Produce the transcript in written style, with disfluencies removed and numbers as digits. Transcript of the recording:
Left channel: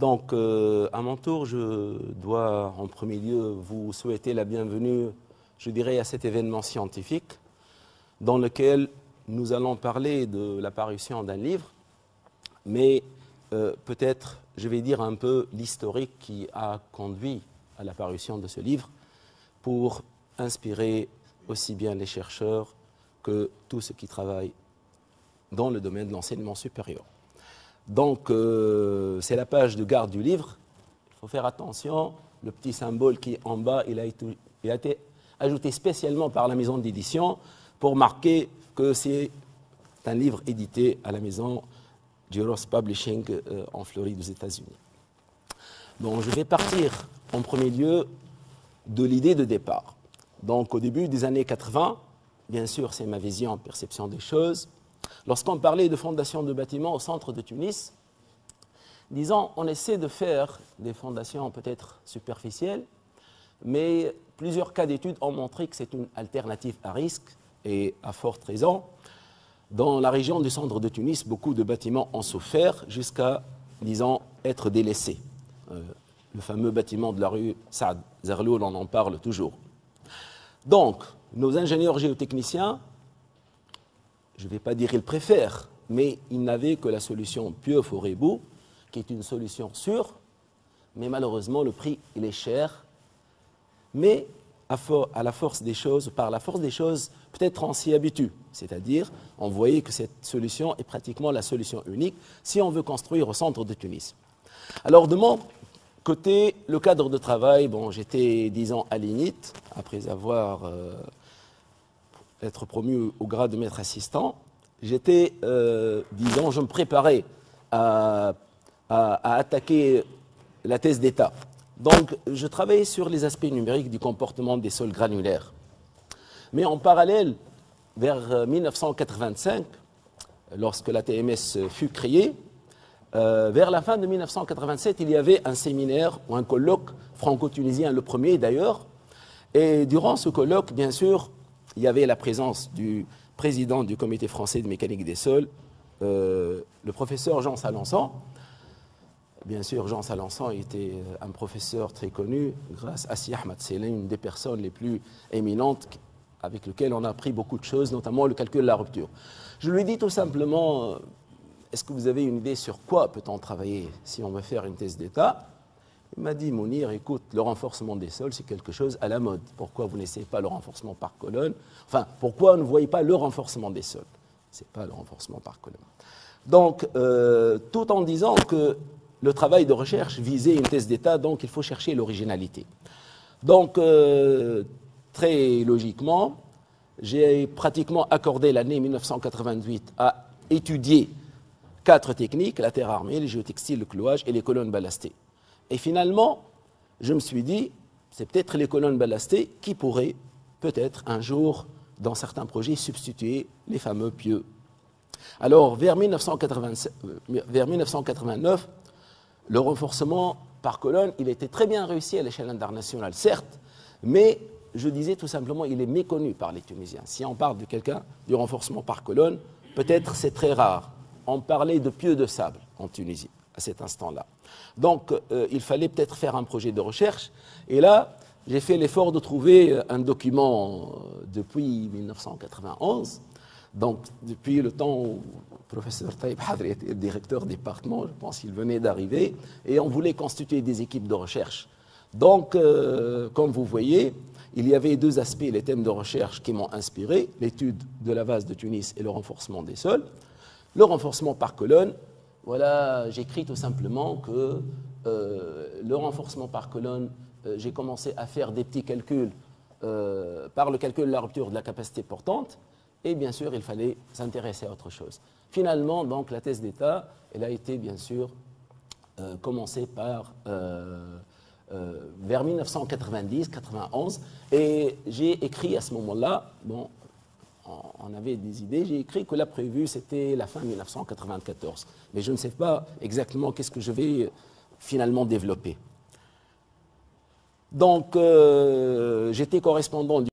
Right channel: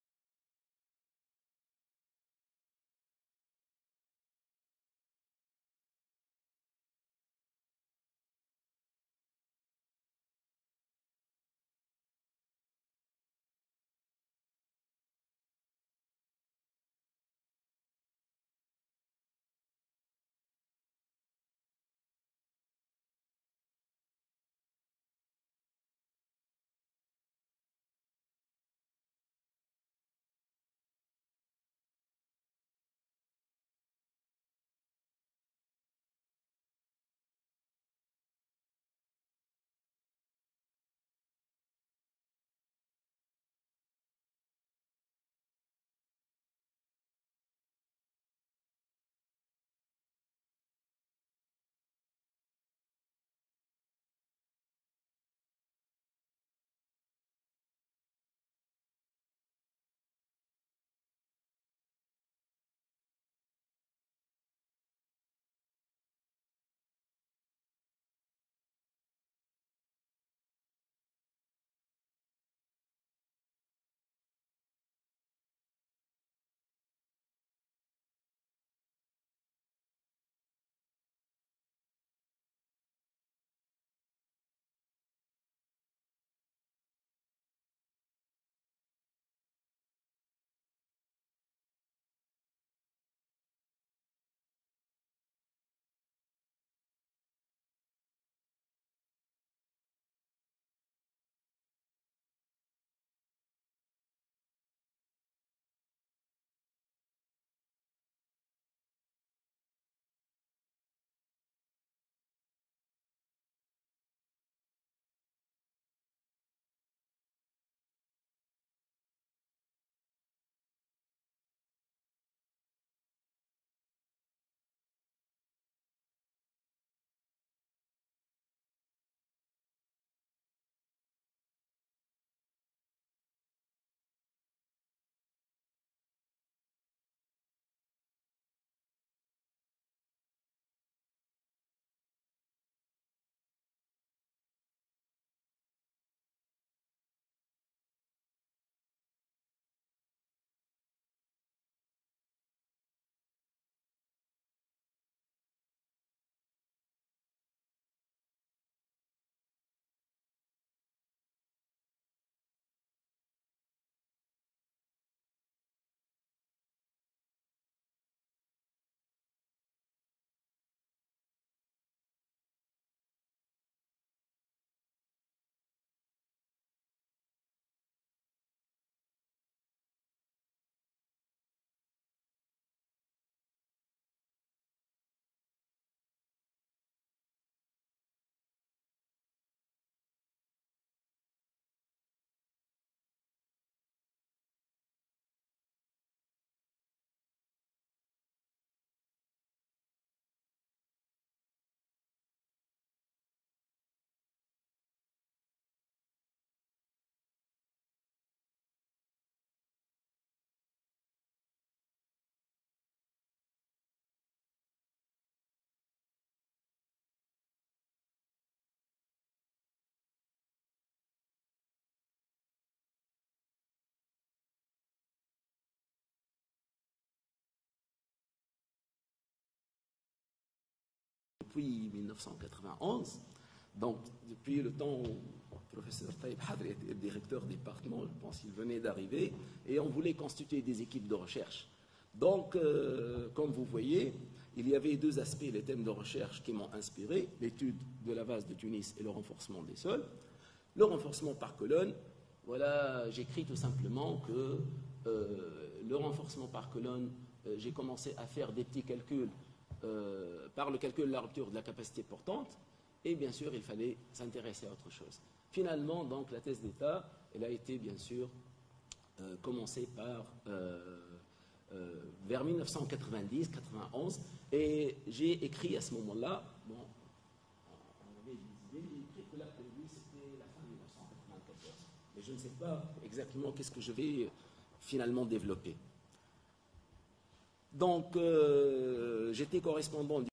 Donc, à mon tour, je dois en premier lieu vous souhaiter la bienvenue, je dirais, à cet événement scientifique dans lequel nous allons parler de la parution d'un livre, mais peut-être je vais dire un peu l'historique qui a conduit à la parution de ce livre pour inspirer aussi bien les chercheurs que tous ceux qui travaillent dans le domaine de l'enseignement supérieur. Donc, c'est la page de garde du livre. Il faut faire attention, le petit symbole qui est en bas, il a été ajouté spécialement par la maison d'édition pour marquer que c'est un livre édité à la maison Giros Publishing en Floride, aux États-Unis. Donc, je vais partir en premier lieu de l'idée de départ. Donc, au début des années 80, bien sûr, c'est ma vision, perception des choses. Lorsqu'on parlait de fondation de bâtiments au centre de Tunis, disons, on essaie de faire des fondations peut-être superficielles, mais plusieurs cas d'études ont montré que c'est une alternative à risque et à forte raison. Dans la région du centre de Tunis, beaucoup de bâtiments ont souffert jusqu'à, disons, être délaissés. Le fameux bâtiment de la rue Saad Zerloul, on en parle toujours. Donc, nos ingénieurs géotechniciens, je ne vais pas dire qu'ils préfèrent, mais ils n'avaient que la solution Pieux-Forêt-Bout, qui est une solution sûre, mais malheureusement, le prix, il est cher. Mais à la force des choses, par la force des choses, peut-être on s'y habitue. C'est-à-dire, on voyait que cette solution est pratiquement la solution unique si on veut construire au centre de Tunis. Alors, de mon côté, le cadre de travail, bon, j'étais 10 ans à l'INIT, après avoir être promu au grade de maître assistant. J'étais, disons, je me préparais à attaquer la thèse d'État. Donc, je travaillais sur les aspects numériques du comportement des sols granulaires. Mais en parallèle, vers 1985, lorsque la TMS fut créée, vers la fin de 1987, il y avait un séminaire ou un colloque franco-tunisien, le premier d'ailleurs. Et durant ce colloque, bien sûr, il y avait la présence du président du comité français de mécanique des sols, le professeur Jean Salançon. Bien sûr, Jean Salançon était un professeur très connu grâce à Si Ahmed Selin, une des personnes les plus éminentes avec lesquelles on a appris beaucoup de choses, notamment le calcul de la rupture. Je lui ai dit tout simplement, est-ce que vous avez une idée sur quoi peut-on travailler si on veut faire une thèse d'État? Il m'a dit, Mounir, écoute, le renforcement des sols, c'est quelque chose à la mode. Pourquoi vous n'essayez pas le renforcement par colonne? Enfin, pourquoi ne voyez pas le renforcement des sols? Ce n'est pas le renforcement par colonne. Donc, tout en disant que le travail de recherche visait une thèse d'État, donc il faut chercher l'originalité. Donc, très logiquement, j'ai pratiquement accordé l'année 1988 à étudier 4 techniques, la terre armée, les géotextiles, le clouage et les colonnes ballastées. Et finalement, je me suis dit, c'est peut-être les colonnes ballastées qui pourraient peut-être un jour, dans certains projets, substituer les fameux pieux. Alors, vers 1989, le renforcement par colonne, il était très bien réussi à l'échelle internationale, certes, mais je disais tout simplement, il est méconnu par les Tunisiens. Si on parle de quelqu'un du renforcement par colonne, peut-être c'est très rare. On parlait de pieux de sable en Tunisie à cet instant-là. Donc, il fallait peut-être faire un projet de recherche. Et là, j'ai fait l'effort de trouver un document depuis 1991. Donc, depuis le temps où le professeur Taïb Hadri était le directeur du département, je pense qu'il venait d'arriver, et on voulait constituer des équipes de recherche. Donc, comme vous voyez, il y avait 2 aspects, les thèmes de recherche qui m'ont inspiré, l'étude de la vase de Tunis et le renforcement des sols. Le renforcement par colonne, voilà, j'écris tout simplement que le renforcement par colonne, j'ai commencé à faire des petits calculs par le calcul de la rupture de la capacité portante, et bien sûr, il fallait s'intéresser à autre chose. Finalement, donc, la thèse d'État, elle a été bien sûr commencée par vers 1990-91, et j'ai écrit à ce moment-là, bon, on avait des idées, j'ai écrit que la prévue c'était la fin 1994, mais je ne sais pas exactement qu'est-ce que je vais finalement développer. Donc, j'étais correspondant